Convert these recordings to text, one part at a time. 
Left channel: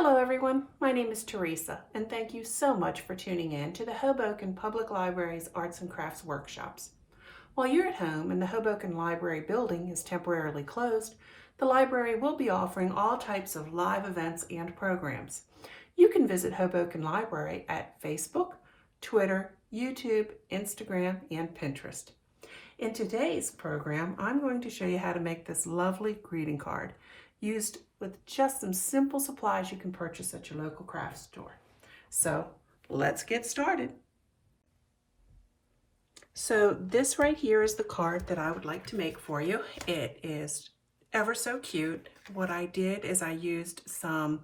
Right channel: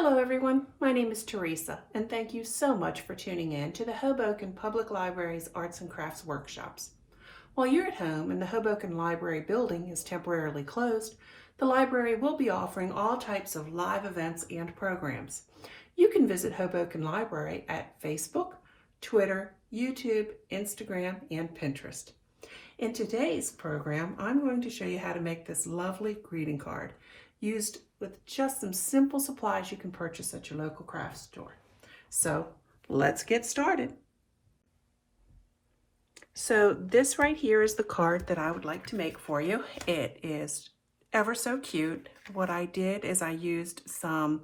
Hello everyone, my name is Teresa and thank you so much for tuning in to the Hoboken Public Library's Arts and Crafts Workshops. While you're at home and the Hoboken Library building is temporarily closed, the library will be offering all types of live events and programs. You can visit Hoboken Library at Facebook, Twitter, YouTube, Instagram, and Pinterest. In today's program, I'm going to show you how to make this lovely greeting card used with just some simple supplies you can purchase at your local craft store. So let's get started. So this right here is the card that I would like to make for you. It is ever so cute. What I did is I used some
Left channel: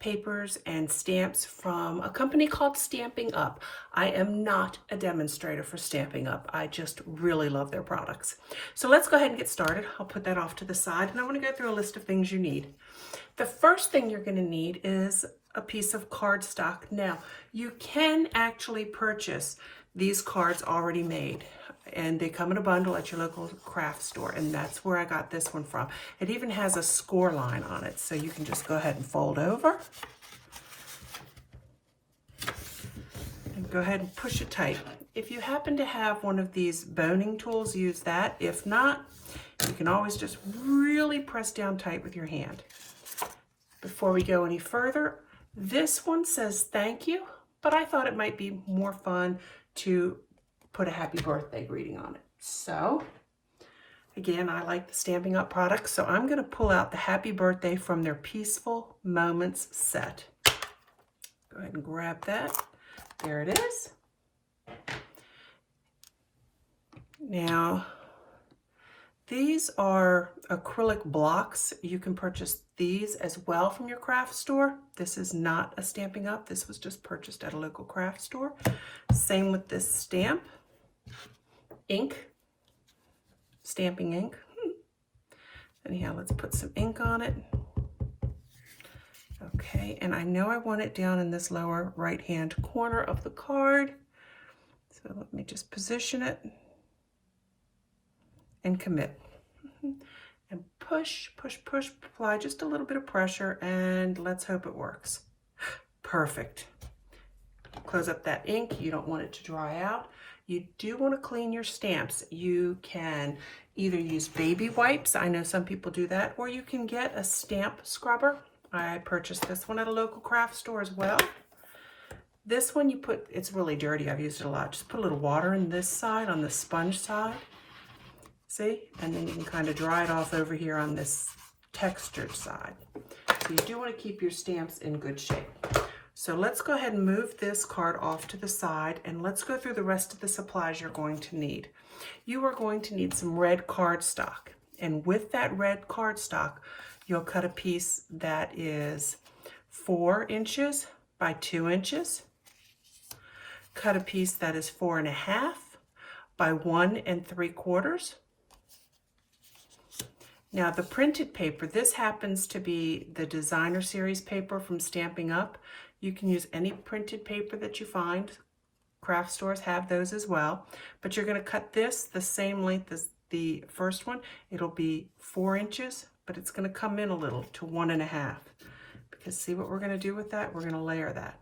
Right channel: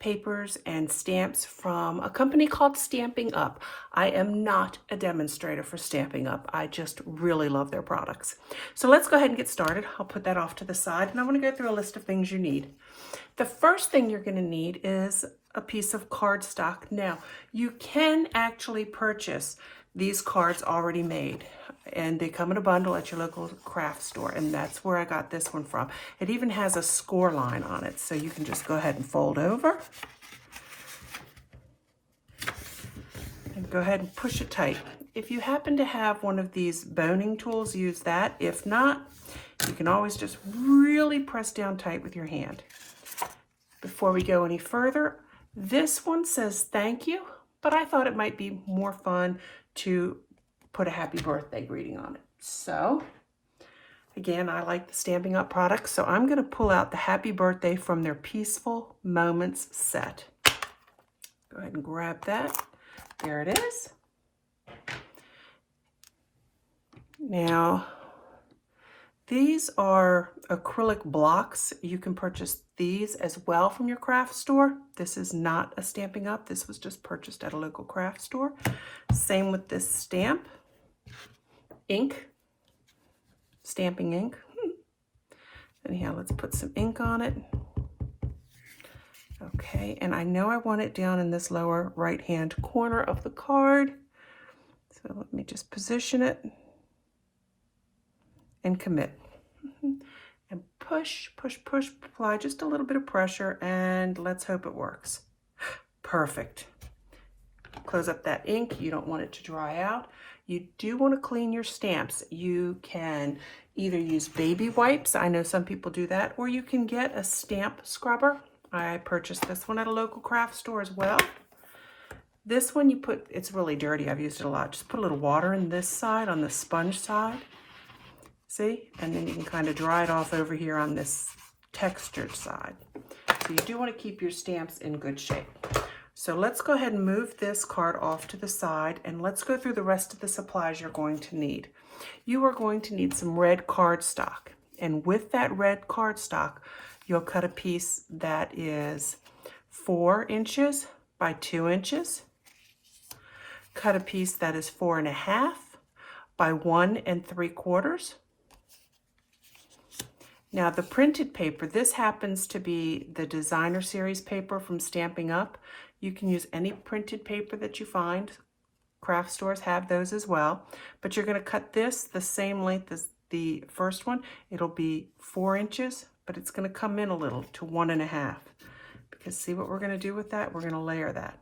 papers and stamps from a company called Stamping Up. I am not a demonstrator for Stamping Up. I just really love their products. So let's go ahead and get started. I'll put that off to the side and I want to go through a list of things you need. The first thing you're going to need is a piece of cardstock. Now, you can actually purchase these cards already made, and they come in a bundle at your local craft store, and that's where I got this one from. It even has a score line on it, so you can just go ahead and fold over and go ahead and push it tight. If you happen to have one of these boning tools, use that. If not, you can always just really press down tight with your hand. Before we go any further, this one says thank you, but I thought it might be more fun to put a happy birthday greeting on it. So again, I like the Stamping Up products, so I'm going to pull out the happy birthday from their Peaceful Moments set. Go ahead and grab that. There it is. Now, these are acrylic blocks. You can purchase these as well from your craft store. This is not a Stamping Up. This was just purchased at a local craft store. Same with this stamp. Ink. Stamping ink. Anyhow, let's put some ink on it. Okay, and I know I want it down in this lower right-hand corner of the card. So let me just position it and commit. And push, push, push, apply just a little bit of pressure, and let's hope it works. Perfect. Close up that ink. You don't want it to dry out. You do want to clean your stamps. You can either use baby wipes. I know some people do that, or you can get a stamp scrubber. I purchased this one at a local craft store as well. This one it's really dirty. I've used it a lot. Just put a little water in this side, on the sponge side. See? And then you can kind of dry it off over here on this textured side. So you do want to keep your stamps in good shape. So let's go ahead and move this card off to the side, and let's go through the rest of the supplies you're going to need. You are going to need some red cardstock. And with that red cardstock, you'll cut a piece that is 4 inches by 2 inches. Cut a piece that is 4.5 by 1 3/4. Now the printed paper, this happens to be the designer series paper from Stamping Up. You can use any printed paper that you find. Craft stores have those as well. But you're going to cut this the same length as the first one. It'll be 4 inches, but it's going to come in a little to 1.5. Because see what we're going to do with that? We're going to layer that.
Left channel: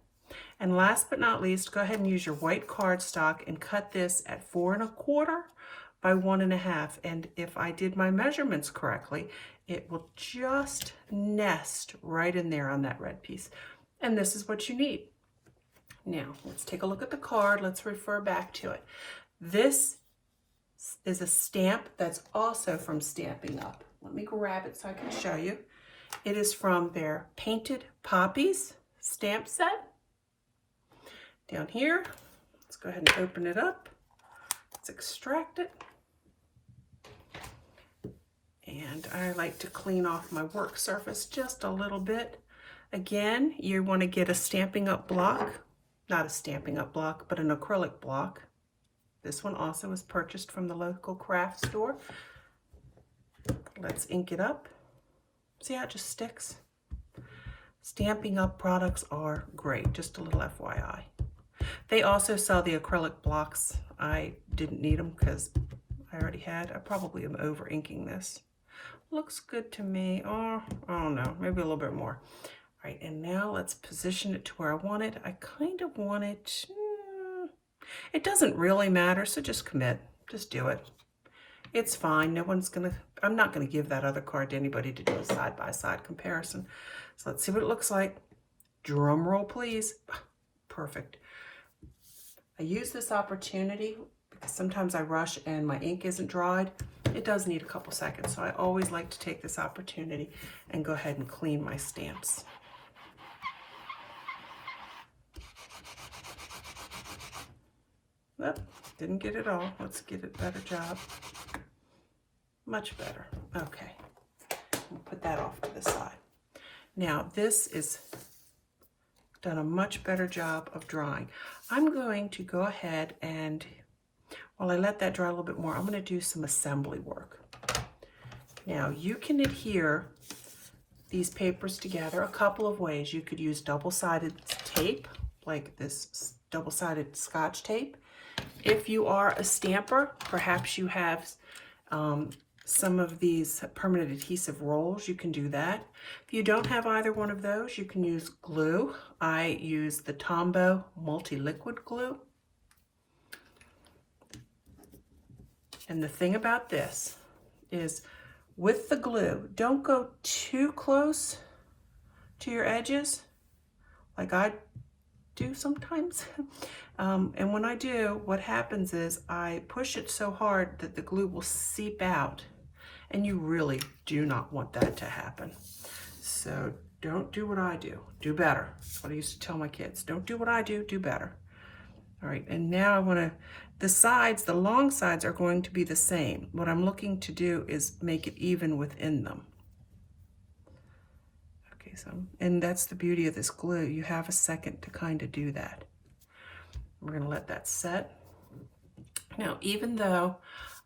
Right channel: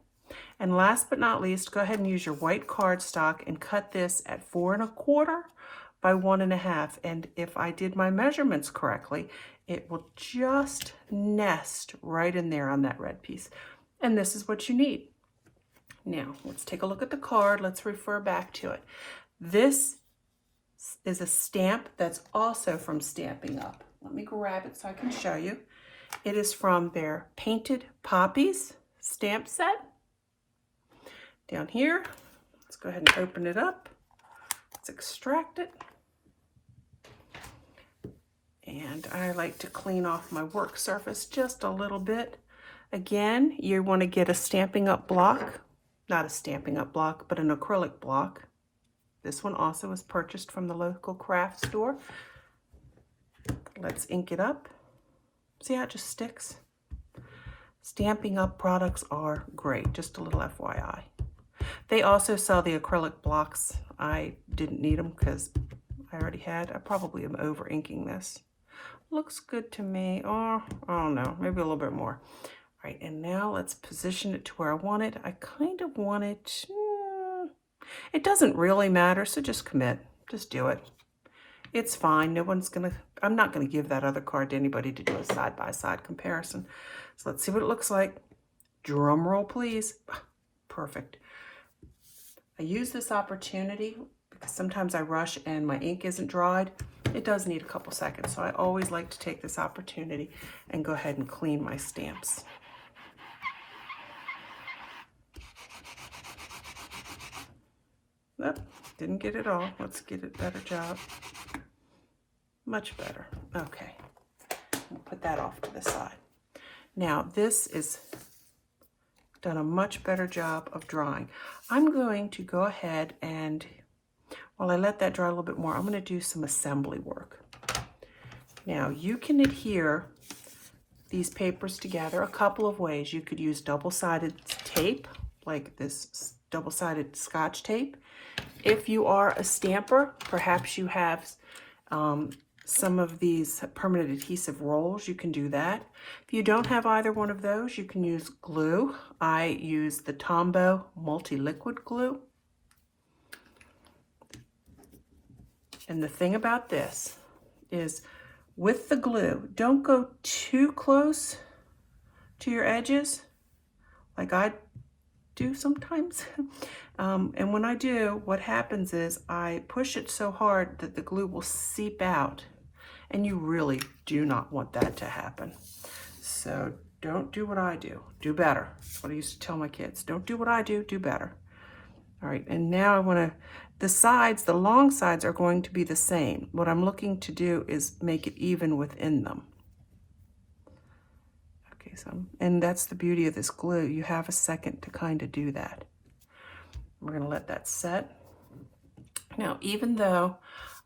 And last but not least, go ahead and use your white cardstock and cut this at 4 1/4 by 1.5. And if I did my measurements correctly, it will just nest right in there on that red piece. And this is what you need. Now, let's take a look at the card. Let's refer back to it. This is a stamp that's also from Stamping Up. Let me grab it so I can show you. It is from their Painted Poppies stamp set. Down here, let's go ahead and open it up. Let's extract it. And I like to clean off my work surface just a little bit. Again, you want to get a Stamping Up block. Not a Stamping Up block, but an acrylic block. This one also was purchased from the local craft store. Let's ink it up. See how it just sticks? Stamping Up products are great, just a little FYI. They also sell the acrylic blocks. I didn't need them because I already had. I probably am over inking this. Looks good to me. Oh, I don't know, maybe a little bit more. All right, and now let's position it to where I want it. I kind of want it, it doesn't really matter, so just commit, just do it. It's fine, I'm not gonna give that other card to anybody to do a side-by-side comparison. So let's see what it looks like. Drum roll, please. Perfect. I use this opportunity because sometimes I rush and my ink isn't dried. It does need a couple seconds, so I always like to take this opportunity and go ahead and clean my stamps. Nope, didn't get it all. Let's get a better job. Much better. Okay, we'll put that off to the side. Now this is done a much better job of drying. I'm going to go ahead and, while I let that dry a little bit more, I'm going to do some assembly work. Now you can adhere these papers together a couple of ways. You could use double-sided tape, like this double-sided Scotch tape. If you are a stamper, perhaps you have some of these permanent adhesive rolls, you can do that. If you don't have either one of those, you can use glue. I use the Tombow multi-liquid glue. And the thing about this is, with the glue, don't go too close to your edges, like I do sometimes. And when I do, what happens is I push it so hard that the glue will seep out. And you really do not want that to happen. So don't do what I do. Do better. That's what I used to tell my kids. Don't do what I do, do better. All right, and now I want to, the sides, the long sides are going to be the same. What I'm looking to do is make it even within them. Okay, so, and that's the beauty of this glue. You have a second to kind of do that. We're going to let that set. Now, even though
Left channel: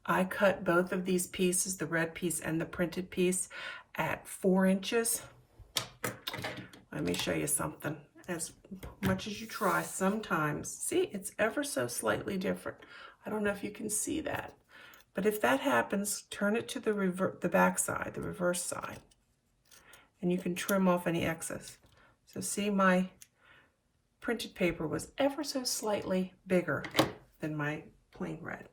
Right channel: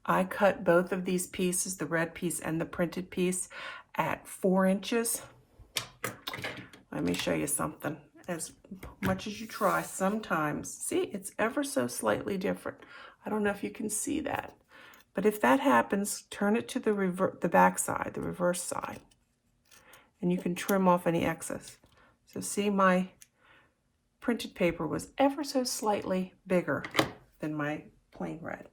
I cut both of these pieces, the red piece and the printed piece, at 4 inches. Let me show you something. As much as you try, sometimes, see, it's ever so slightly different. I don't know if you can see that. But if that happens, turn it to the back side, the reverse side. And you can trim off any excess. So see, my printed paper was ever so slightly bigger than my plain red.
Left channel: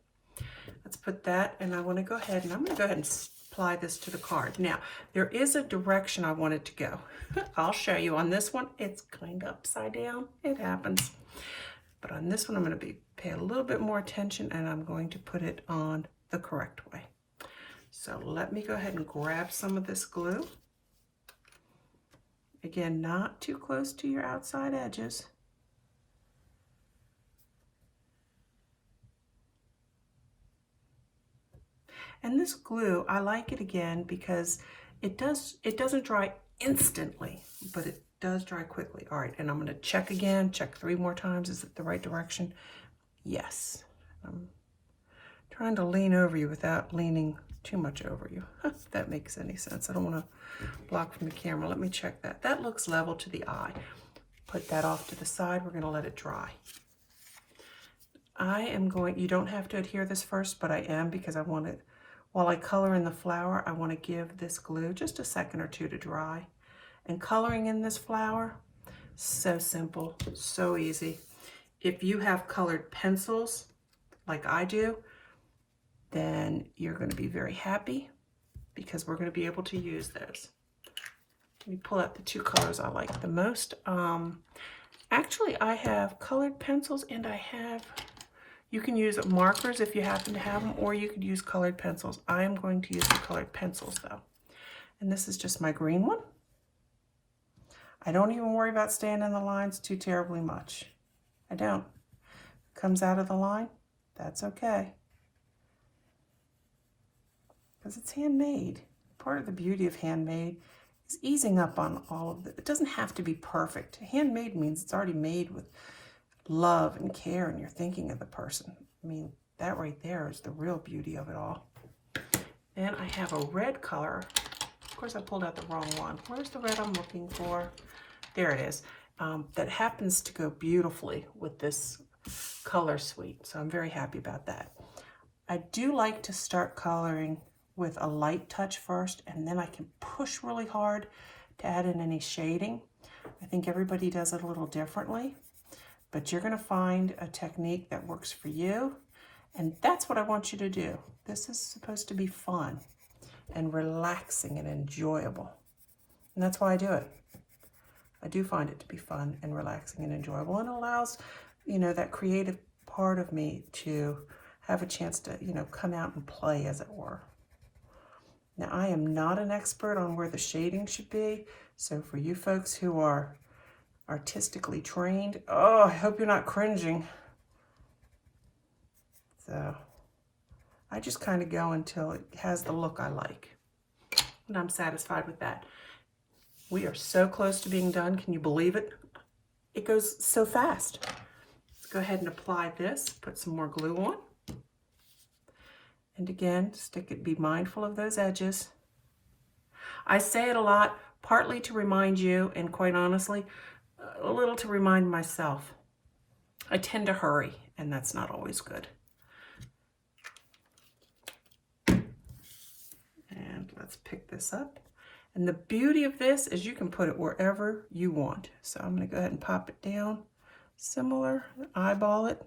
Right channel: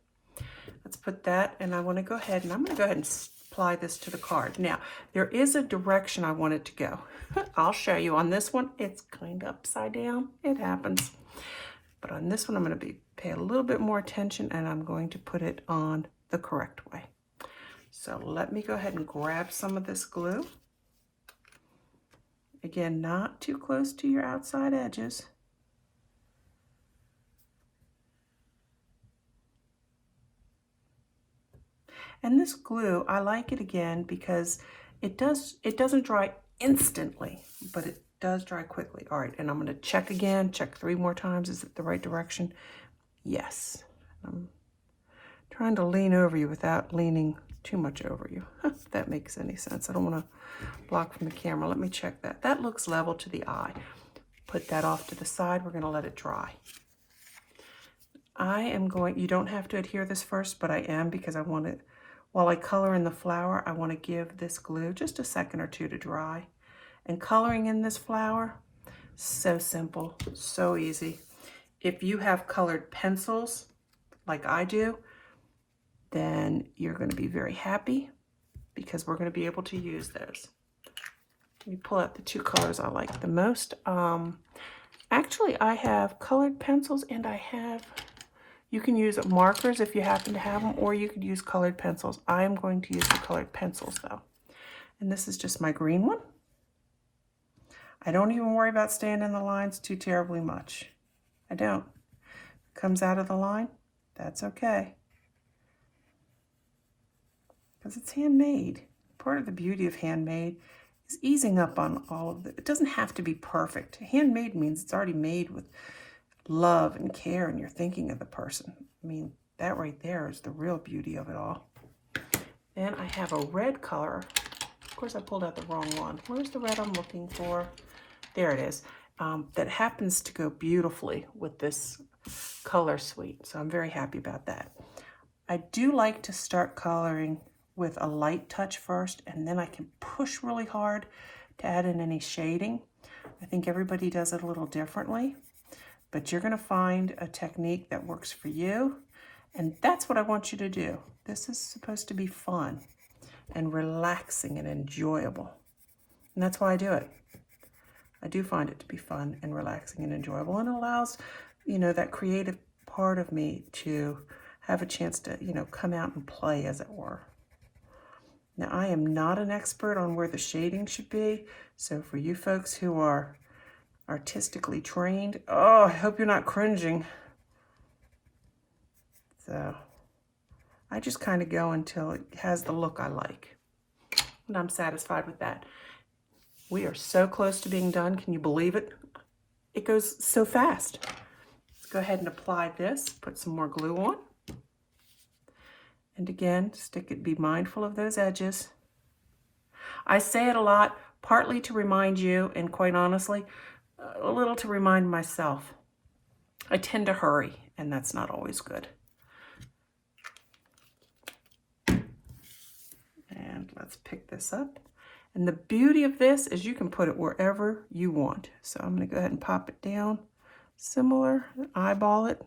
Let's put that, and I want to go ahead, and I'm going to go ahead and apply this to the card. Now, there is a direction I want it to go. I'll show you. On this one, it's kind of upside down. It happens. But on this one, I'm going to pay a little bit more attention, and I'm going to put it on the correct way. So let me go ahead and grab some of this glue. Again, not too close to your outside edges. And this glue, I like it again because it doesn't dry instantly, but it does dry quickly. All right, and I'm going to check again, check 3 more times. Is it the right direction? Yes. I'm trying to lean over you without leaning too much over you, if that makes any sense. I don't want to block from the camera. Let me check that. That looks level to the eye. Put that off to the side. We're going to let it dry. I am going, you don't have to adhere this first, but I am, because I want it, while I color in the flower, I want to give this glue just a second or two to dry. And coloring in this flower, so simple, so easy. If you have colored pencils, like I do, then you're going to be very happy, because we're going to be able to use those. Let me pull out the 2 colors I like the most. Actually, I have colored pencils, and I have, you can use markers if you happen to have them, or you could use colored pencils. I am going to use the colored pencils though. And this is just my green one. I don't even worry about staying in the lines too terribly much. I don't. Comes out of the line, that's okay. Because it's handmade. Part of the beauty of handmade is easing up on all of it. It doesn't have to be perfect. Handmade means it's already made with love and care, and you're thinking of the person. I mean, that right there is the real beauty of it all. Then I have a red color. Of course, I pulled out the wrong one. Where's the red I'm looking for? There it is. That happens to go beautifully with this color suite. So I'm very happy about that. I do like to start coloring with a light touch first, and then I can push really hard to add in any shading. I think everybody does it a little differently, but you're going to find a technique that works for you. And that's what I want you to do. This is supposed to be fun and relaxing and enjoyable. And that's why I do it. I do find it to be fun and relaxing and enjoyable, and allows, that creative part of me to have a chance to, come out and play, as it were. Now, I am not an expert on where the shading should be, so for you folks who are artistically trained, oh, I hope you're not cringing. So I just kind of go until it has the look I like, and I'm satisfied with that. We are so close to being done. Can you believe it? It goes so fast. Let's go ahead and apply this, put some more glue on. And again, be mindful of those edges. I say it a lot, partly to remind you, and quite honestly, a little to remind myself. I tend to hurry, and that's not always good. And let's pick this up. And the beauty of this is you can put it wherever you want. So I'm going to go ahead and pop it down. Similar, eyeball it.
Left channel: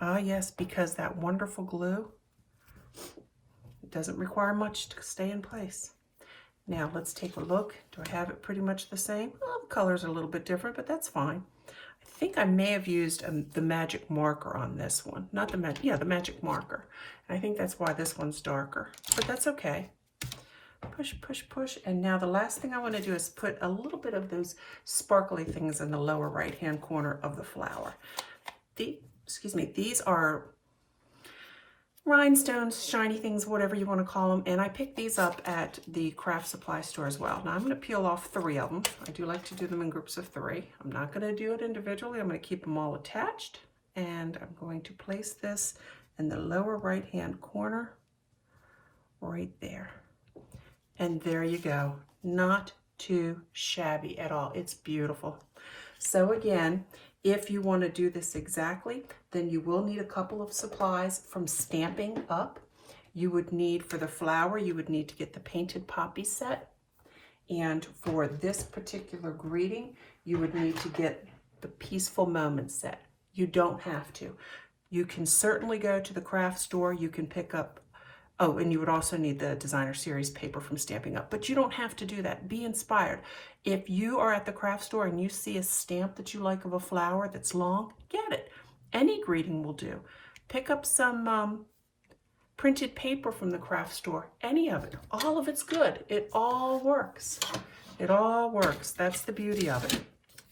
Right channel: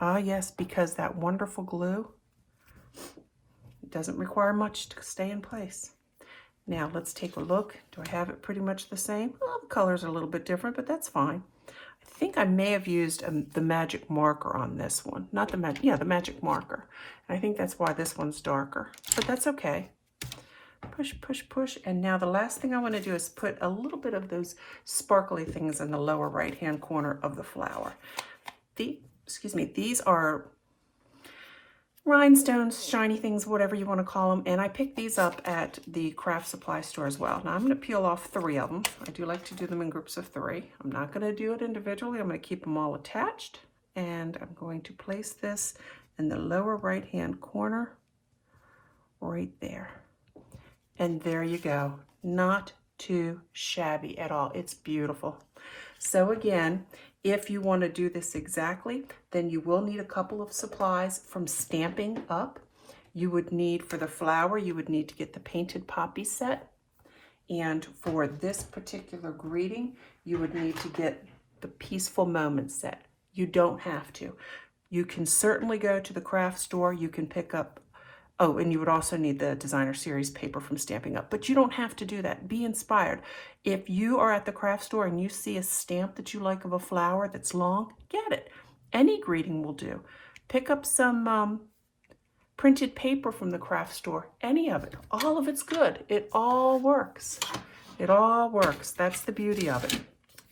Ah, yes, because that wonderful glue, it doesn't require much to stay in place. Now let's take a look. Do I have it pretty much the same? Well, the colors are a little bit different, but that's fine. I think I may have used the magic marker on this one. Not the magic, yeah, the magic marker. And I think that's why this one's darker, but that's okay. Push, push, push. And now the last thing I want to do is put a little bit of those sparkly things in the lower right-hand corner of the flower. These are rhinestones, shiny things, whatever you want to call them. And I picked these up at the craft supply store as well. Now I'm going to peel off 3 of them. I do like to do them in groups of 3. I'm not going to do it individually. I'm going to keep them all attached. And I'm going to place this in the lower right-hand corner right there. And there you go. Not too shabby at all. It's beautiful. So again, if you want to do this exactly, then you will need a couple of supplies from Stampin' Up. You would need, for the flower, you would need to get the painted poppy set. And for this particular greeting, you would need to get the Peaceful Moments set. You don't have to. You can certainly go to the craft store. You can pick up, oh, and you would also need the designer series paper from Stampin' Up, but you don't have to do that. Be inspired. If you are at the craft store and you see a stamp that you like of a flower that's long, get it. Any greeting will do. Pick up some printed paper from the craft store, any of it. All of it's good. It all works. It all works. That's the beauty of it.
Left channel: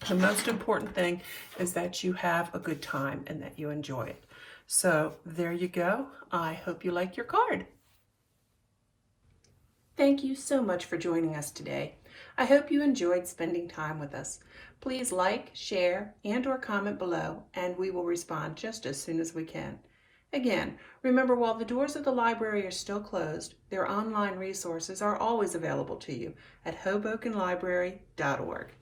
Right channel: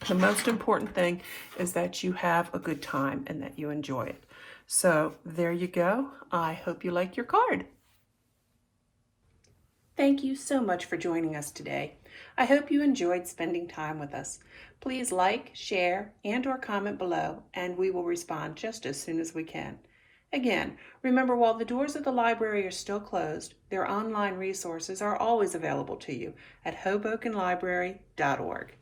The most important thing is that you have a good time and that you enjoy it. So there you go. I hope you like your card. Thank you so much for joining us today. I hope you enjoyed spending time with us. Please like, share, and/or comment below, and we will respond just as soon as we can. Again, remember, while the doors of the library are still closed, their online resources are always available to you at hobokenlibrary.org.